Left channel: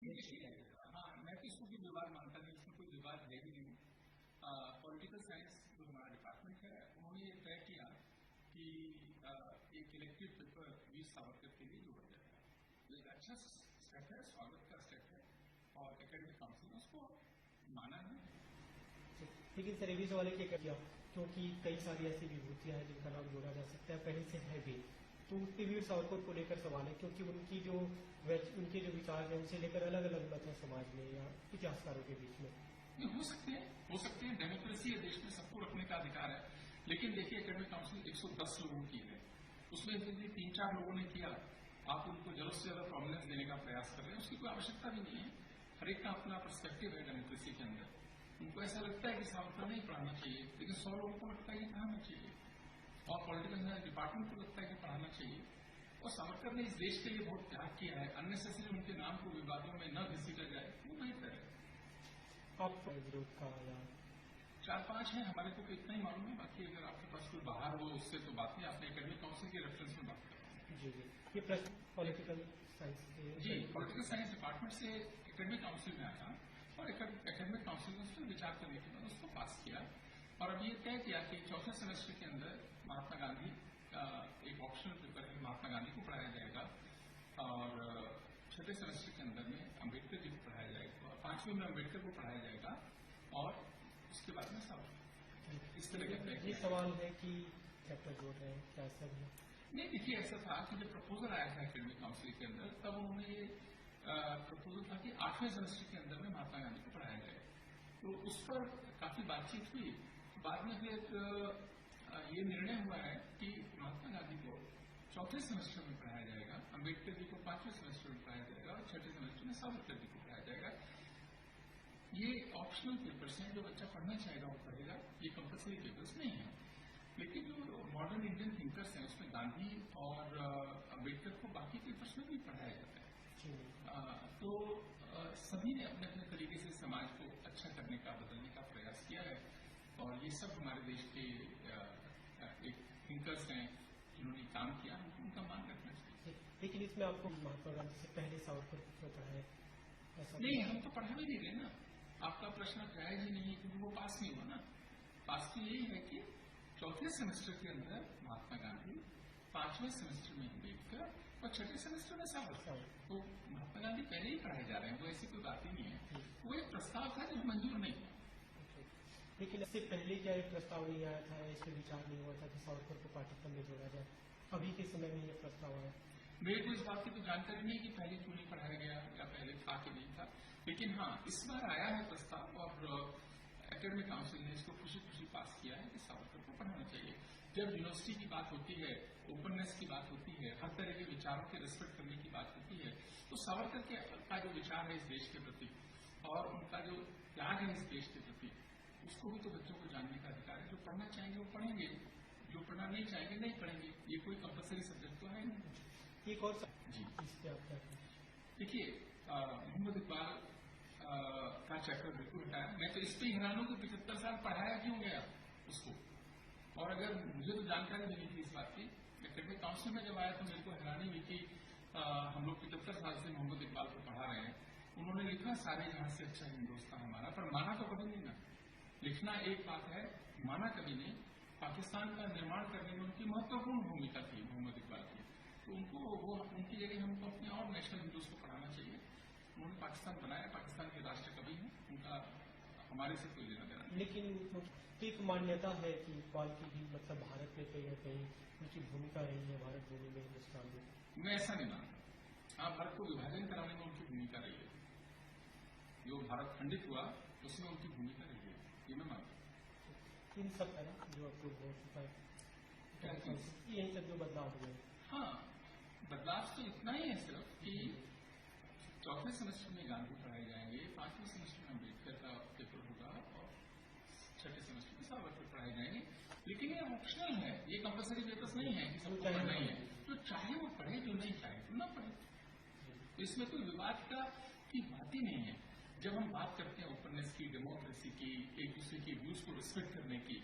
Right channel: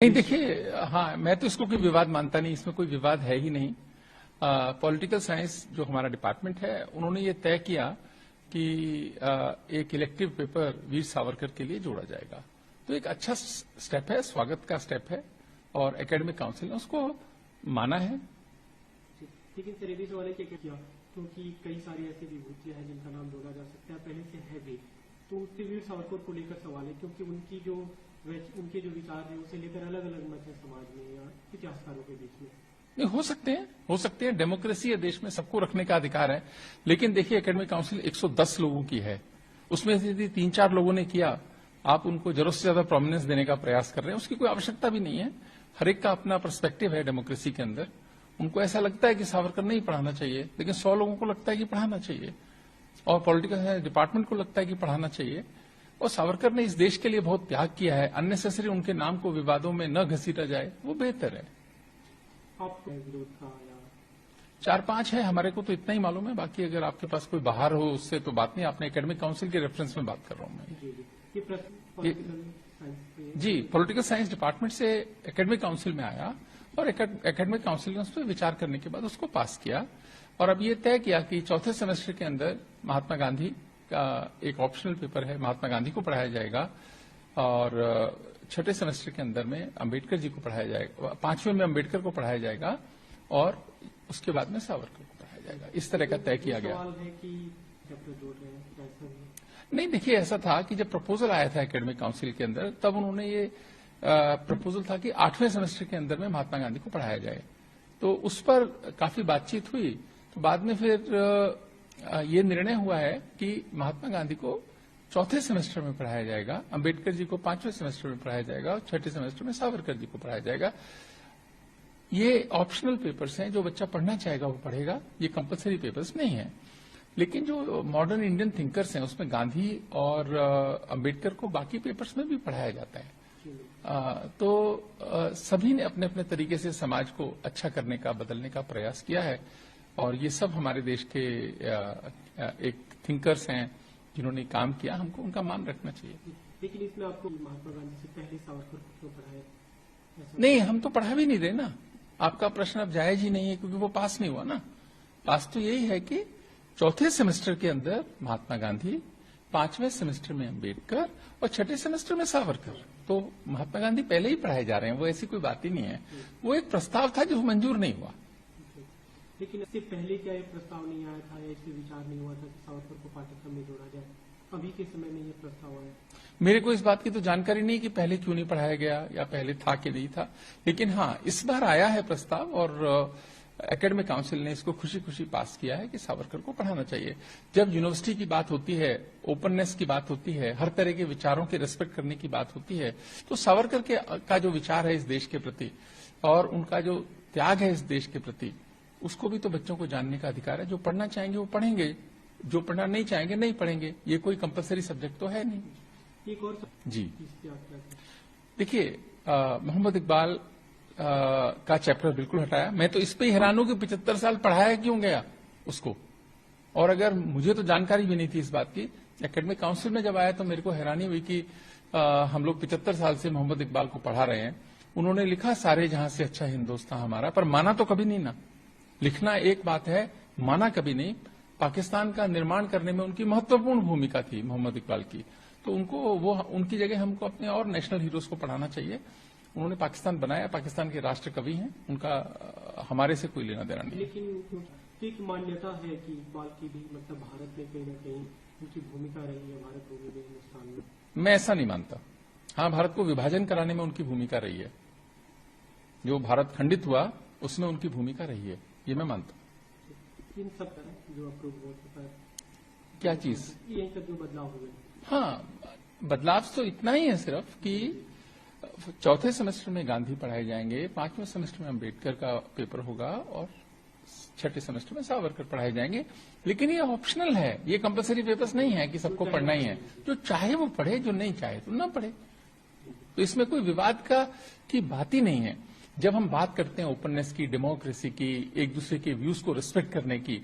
नहीं देखिए, हाँ मैं तो इसको कोई विवाद मानता नहीं, इसमें कोई विवाद है ही नहीं। पॉलिटिकल साइंस जो हमारा डिपार्टमेंट है उन्होंने ये तय किया कि एक इलेक्टिव पेपर वीर सावरकर के लिए जोड़ा जाएगा। तो एक अच्छा स्टेप है, स्वागत का स्टेप है और एकेडमिक काउंसिल ने उसको माना है। लेकिन सर ये भी सवाल है कि क्या, क्योंकि कई सारी ऐसी विभूतियां हैं जिनका नाम जोड़ा जा सकता है, पहले से है भी, तो उसके वीर सावरकर को लेकर सवाल है, क्योंकि उनके जो विचार है उसे लेकर अलग अलग मत है समाज में या इतिहासकारों के बीच में। नहीं, हो सकते हैं, डेमोक्रेसी है देश में, सबको रखने का अधिकार है। लेकिन देखिए एकेडमिक काउंसिल 110 लोगों की है, उसमें से यदि 3-4 लोगों ने किया, आप उनको जरूरत से ज्यादा प्रोमिनेंस देने का प्रयास कर रहे हैं, उसकी कोई आवश्यकता भी नहीं है। हर एक का अपना पर्सपेक्टिव है डेमोक्रेसी के अंदर। उनको ऐसा लगता है कि सावरकर नहीं पढ़ाना चाहिए, लेकिन 100 लोगों को लगता है कि पढ़ाना चाहिए और पॉलिटिकल डिपार्टमेंट को लगता है कि पढ़ाना चाहिए। और सावरकर ने इस देश के लिए बहुत त्याग किया है, अननेसेसरी उनके नाम को विवादों में न घसीटा जाए, वो बेहतर है। आपको विरोध था या 4-5 है, हमारे को तो इतना ही मालूम है। बाकी अगर आपके पास कोई बाहर हो उससे तो बात नहीं, आपने एकेडमिक काउंसिल के रेफरेंस में बात कर रहा हूं मैं। ये प्रश्न पॉलिटिकल साइंस के जी, पॉलिटिकल साइंस डिपार्टमेंट से एकेडमिक काउंसिल में आया और एकेडमिक काउंसिल ने उस पर विचार करने के बाद उसको पास किया और अब ये तय किया कि चौथे सेमेस्टर के अंदर महात्मा गांधी का एक ऑप्शनल पेपर है, महात्मा गांधी को पढ़ाया जाएगा और छठे सेमेस्टर के अंदर में अंबेडकर जी को पढ़ाया जाएगा, 5वें में अंबेडकर को पढ़ाया जाएगा और उसके बाद में सावरकर को पढ़ाया जाएगा। इस तरह का तय किया गया। सवाल है कि नहीं देखिए, ऐसा था कि जब प्रपोजल आया था एकेडमिक काउंसिल के अंदर, तब उन्होंने ये प्रपोजल था कि 8वें सेमेस्टर के अंदर में महात्मा गांधी को पढ़ाया जाए। तो उस पर काफी बातचीत हुई, तो बाद में फिर ये निर्णय हुआ है कि महात्मा गांधी को चौथे सेमेस्टर में पढ़ाया जाएगा, अंबेडकर जी को 5वें सेमेस्टर में पढ़ाया जाएगा और छठे सेमेस्टर में सावरकर जी को पढ़ाया जाएगा। ये ऑप्शनल पेपर्स हैं, जो बच्चा पढ़ना चाहेगा वो पढ़ेगा, ये कंपलसरी पेपर्स नहीं है। लेकिन जो मॉडर्न इंडियन थिंकर्स हैं उसमें गांधी और अंबेडकर को बाकी पेपर्स में भी पढ़ाया जाता है। तो सभी ने अपने अपने तरीके से समाज को अच्छा करने का, बदलने का प्रयास किया है और ये सब हमारे देश के एक थिंकर्स हैं जिन्होंने काम किया, हमको उनका मान रखना चाहिए। लेकिन इसमें आपको महात्मा गांधी से पहले सावरकर को क्यों पढ़ाया? नहीं, हम तो पढ़ा भी नहीं रहे ना। आपका प्रश्न अब जायज ही नहीं है, क्योंकि वो पास नहीं हुआ ना। पास तो यही है कि चौथे सेमेस्टर के अंदर महात्मा गांधी, 5वें सेमेस्टर में अंबेडकर और छठे सेमेस्टर में सावरकर। तो महात्मा गांधी पहले ही पढ़ाए जा रहे हैं, वो ऐसी कोई बात ही नहीं है। वो एक प्रस्ताव था जो मंजूर नहीं हुआ। लेकिन इससे पहले क्या ये प्रस्ताव नहीं आया था या इससे विचार नहीं हुआ था कि सावरकर को पाठ्यक्रम में जोड़ा जाए? अभी के समय में ये प्रस्ताव आया? मेरे को इस बात की तो जानकारी नहीं कि पहले क्यों नहीं पढ़ाया गया या पहले था कि नहीं था। लेकिन हाँ, इस बार आया है प्रस्ताव और एकेडमिक काउंसिल ने इसको खुशी खुशी पास किया है कि सावरकर को पढ़ाना चाहिए। जब यूनिवर्सिटी की बात होती है, ओपननेस की बात होती है, हर तरह के विचारों के रेस्पेक्ट करने की बात होती है, तो सावरकर का जो विचार है इस देश के प्रति और उनका जो त्याग है इस देश के प्रति, उसको भी तो बच्चों को जानने का अधिकार है। जो पढ़ना चाहेंगे वो पढ़ेंगे, जो पढ़ना नहीं चाहेंगे नहीं पढ़ेंगे। ये कोई कंपलसरी सब्जेक्ट तो है नहीं। एक और जी देखिए, मोहम्मद इकबाल का चैप्टर बिल्कुल हटाया। मैं तो इस पे ही हैरान हूं कि 75 साल पढ़ाया क्यों गया उसको। और अगर मुझे तो जानकारी भी नहीं थी इस बात की, एकेडमिक काउंसिल में जब आया तो मेरे को हैरानी हुई कि हम लोग 75 साल से मोहम्मद इकबाल को पढ़ा रहे हैं। उन्होंने लिखा सारे जहां से अच्छा हिंदुस्तान हमारा, पर माना तो कभी नहीं ना। लिखना एक बात है, माना कभी नहीं। पाकिस्तान का निर्माण करने में उनकी महत्वपूर्ण भूमिका थी मोहम्मद इकबाल की, तो उनकी जगह हमको अपने और नेशनल हीरोज को पढ़ाना चाहिए। उन्होंने पाकिस्तान बनाया, पाकिस्तान के राष्ट्र कवि हैं, उनका हमारे से कोई लेना देना नहीं। लेकिन एक मान्यता है कि इकबाल की भी मतलब भारत में कहीं न कहीं उनकी भूमिका रही है, भारत भूमि में, हिंदुस्तान में। मैं ऐसा नहीं मानता। हाँ, भारत को विभाजन कराने में उनकी भूमिका रही है, जो भारत खंडित हुआ उसमें उनकी भूमिका रही है, ये मैं मानता हूँ। इन सब तरह जो अप्रूव क्या चीज? यही सब जो बदलाव हुए। हाँ, बदलाव तो इतना ही है सिर्फ कि चौथे सेमेस्टर में गांधी पढ़ाए जाएंगे, 5वें सेमेस्टर में अंबेडकर का पेपर होगा और छठे सेमेस्टर में सावरकर पढ़ाए जाएंगे। लेकिन ये ऑप्शनल है, ये कंपलसरी पेपर्स नहीं है कि सबको पढ़ना ही है। जो चाहे वो पढ़े, जो नहीं चाहे तो ना पढ़े। तो इसमें कोई विवाद की बात ही नहीं है। जब हम बात करते हैं ओपननेस की, डेमोक्रेसी की, एक दूसरे के व्यूज को रिस्पेक्ट करने की,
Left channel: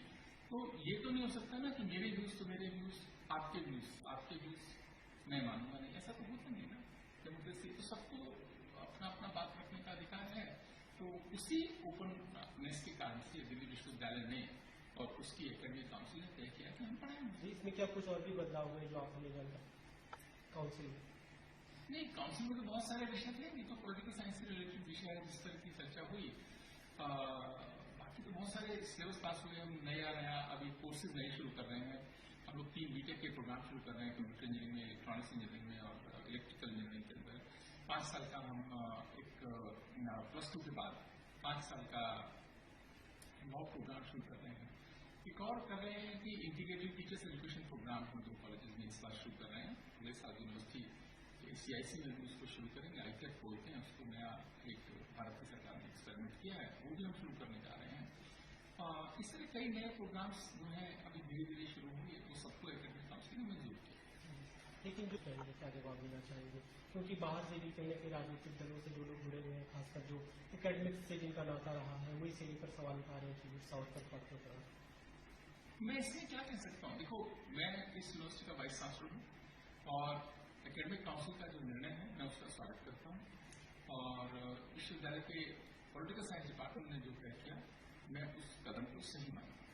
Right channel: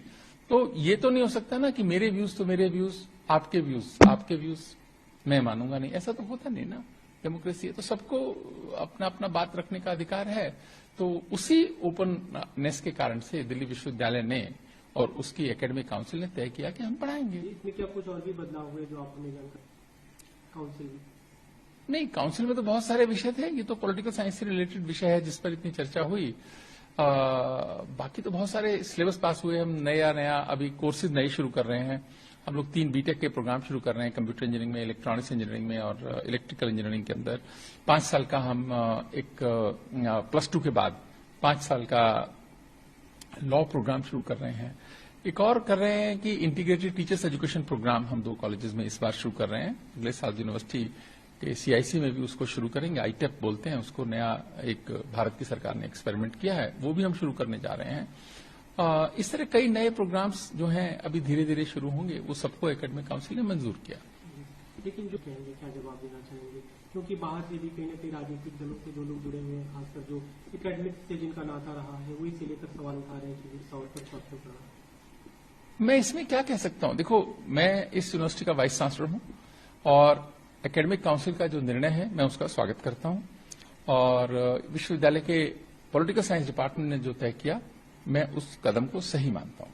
तो ये तो नहीं हो सकता ना कि मेरे व्यूज तो मेरे व्यूज, आपके व्यूज आपके व्यूज, मैं मानूंगा नहीं, ऐसा तो होता नहीं ना। डेमोक्रेसी है, तो सबको अपना अपना बात रखने का अधिकार है। तो उसी ओपननेस के कारण से दिल्ली विश्वविद्यालय ने और उसकी एकेडमिक काउंसिल ने तय किया कि हम पढ़ाएंगे। इसमें क्या कुछ और भी बदलाव हुए जो आपने जानकर काउंसिल में? नहीं, काउंसिल में तो बहुत सारे विषय थे, ये तो पॉलिटिकल साइंस से रिलेटेड विषय है जिस पर इतनी चर्चा हुई। बाकी तो बहुत सारे सिलेबस पास हुए, हम नया अभी कोर्सेज नए शुरू कर रहे हैं। हम लोग 3 बीटेक के प्रोग्राम शुरू कर रहे हैं, कंप्यूटर इंजीनियरिंग में, इलेक्ट्रॉनिक्स इंजीनियरिंग में और इलेक्ट्रिकल इंजीनियरिंग के अंदर। 5 साल का हम एक +2 के बाद 5 साल का लॉ प्रोग्राम शुरू कर रहे हैं। एक और कर रहे हैं कि इंटीग्रेटेड टीचर्स एजुकेशन प्रोग्राम हम 2 कॉलेजेस में इस बार शुरू कर रहे हैं। अगले साल यूनिवर्सिटी के CIC में भी उसको शुरू करेंगे। ITEP बोलते हैं उसको, नया एक भारत की सरकार ने एक्सपेरिमेंट किया है, वो भी हम शुरू करने जा रहे हैं। इस तरह कई नए प्रोग्राम्स जो हैं अभी धीरे धीरे शुरू होंगे, वो सबको एकेडमिक काउंसिल ने मंजूर किया। लेकिन जो कहेंगे, क्या जवाब देना चाहेंगे? क्योंकि बाहर से भी कहीं न कहीं राजनीतिक दलों से 2 लोग जुड़े हुए हैं, खासकर जो एकेडमिक से जिनका नाता रहा है, वही से लेकर सवाल उठा रहे हैं कि वीर सावरकर पद को चढ़ा। मैं इसमें क्या कह सकता हूं? देखो, मैं इस यूनिवर्सिटी का वाइस चांसलर हूं और एकेडमिक काउंसिल का जो निर्णय है मैं उसका स्वागत करता हूं, और विश्वविद्यालय के पॉलिटिकल साइंस डिपार्टमेंट ने जो तय किया मैं उस कदम को सही मानता हूं।